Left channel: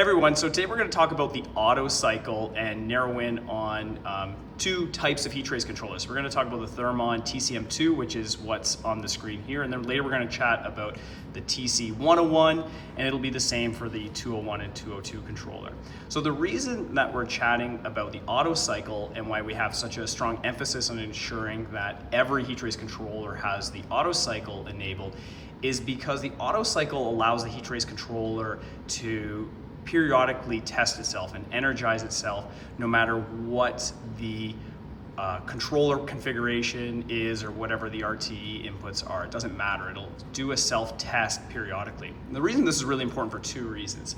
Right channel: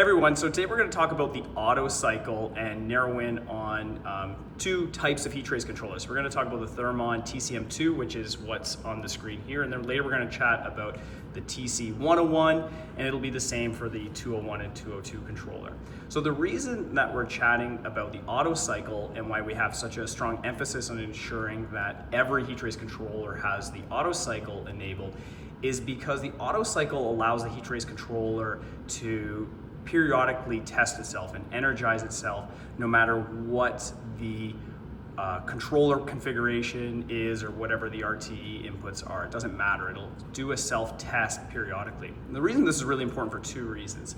Hey everyone, so today we're going to talk about the Autocycle and narrow in on two types of heat trace controllers. We're going to talk about the Thermon TCM2, which is what's on the screen here, and then later we're going to chat about the TC101, and it'll be the same for the 201 and 202 controller. So the reason that we're chatting about the Autocycle and why we have such a strong emphasis on ensuring that every heat trace controller has the Autocycle enabled is because the Autocycle allows the heat trace controller to periodically test itself and energize itself no matter what the controller configuration is or whatever the RTE inputs are. It doesn't matter, it'll do a self-test periodically. And the reason this is really important for two reasons.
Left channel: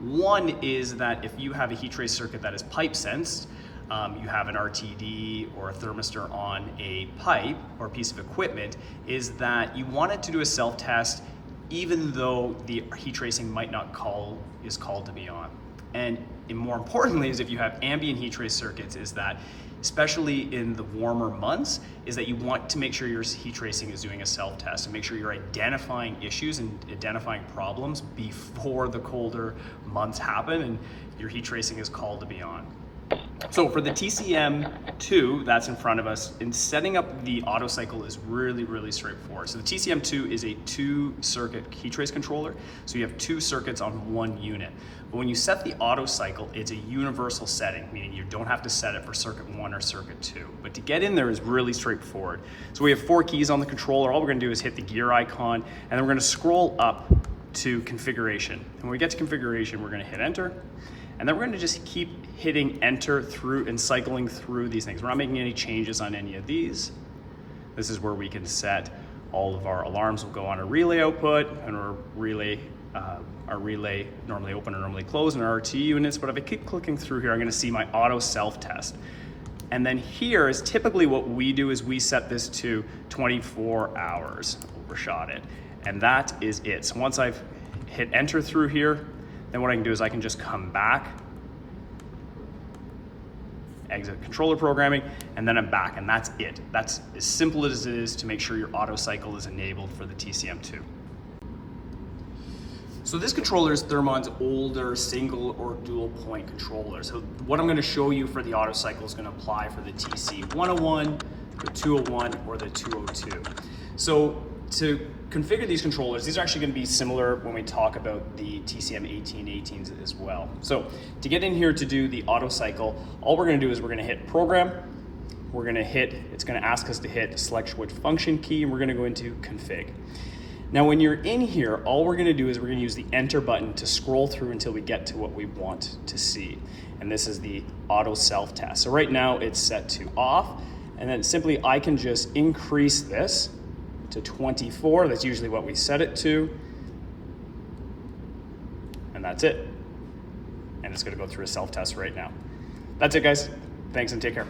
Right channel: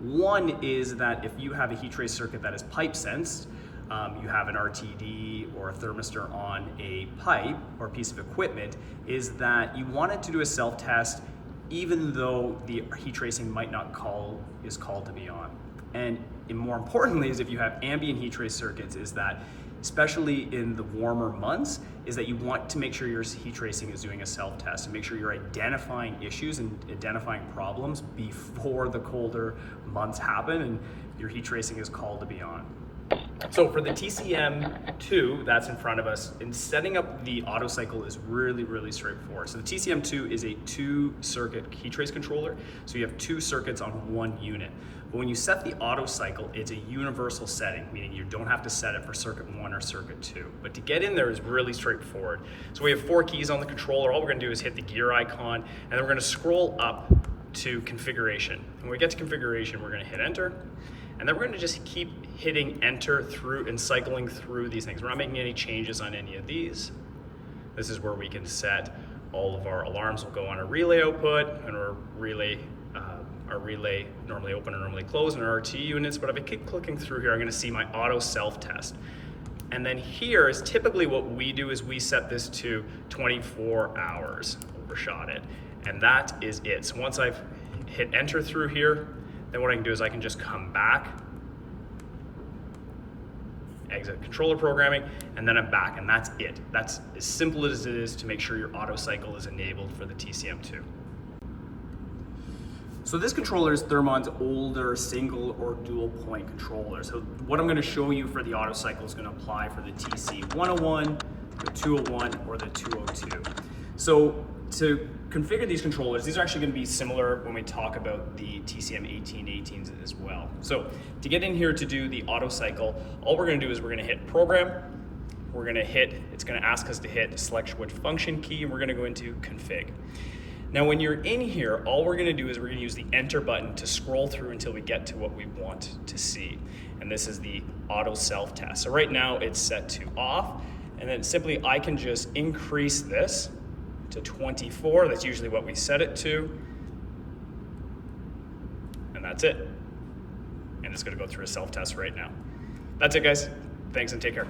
One is that if you have a heat trace circuit that is pipe sensed, you have an RTD or a thermistor on a pipe or piece of equipment, is that you want it to do a self-test even though the heat tracing might not is called to be on. And more importantly is if you have ambient heat trace circuits, is that especially in the warmer months, is that you want to make sure your heat tracing is doing a self-test and make sure you're identifying issues and identifying problems before the colder months happen and your heat tracing is called to be on. So for the TCM2 that's in front of us, in setting up the Autocycle is really straightforward. So the TCM2 is a 2-circuit heat trace controller, so you have 2 circuits on one unit. But when you set the Autocycle, it's a universal setting, meaning you don't have to set it for circuit 1 or circuit 2. But to get in there is really straightforward. So we have 4 keys on the controller. All we're going to do is hit the gear icon, and then we're going to scroll up to configuration. And when we get to configuration, we're going to hit enter. And then we're going to just keep hitting enter through and cycling through these things. We're not making any changes on any of these. This is where we can set all of our alarms will go on a relay output, and our relay normally open and normally close in our RT units. But if I keep clicking through here, I'm going to see my auto self-test. And then here is typically what we do is we set this to 24 hours, overshot it. And that is it. So once I've hit enter through here, then what I can do is I can just come back, exit controller programming, and then I'm back, and that's it. That's as simple as it is to make sure your Autocycle is enabled for the TCM2. So this controller is Thermon's older single or dual point controller. So what I'm going to show you for the Autocycle is going to apply for the TC101, the 201, or the 202. So to configure these controllers, these are actually going to be similar when we talk about the TCM18s as well. So to get in here to do the Autocycle, all we're going to do is we're going to hit program. We're going to hit, it's going to ask us to hit select which function key, and we're going to go into config. Now when you're in here, all we're going to do is we're going to use the enter button to scroll through until we get to what we want to see. And this is the auto self-test. So right now it's set to off, and then simply I can just increase this to 24, that's usually what we set it to, and that's it. And it's going to go through a self-test right now. That's it, guys. Thanks and take care.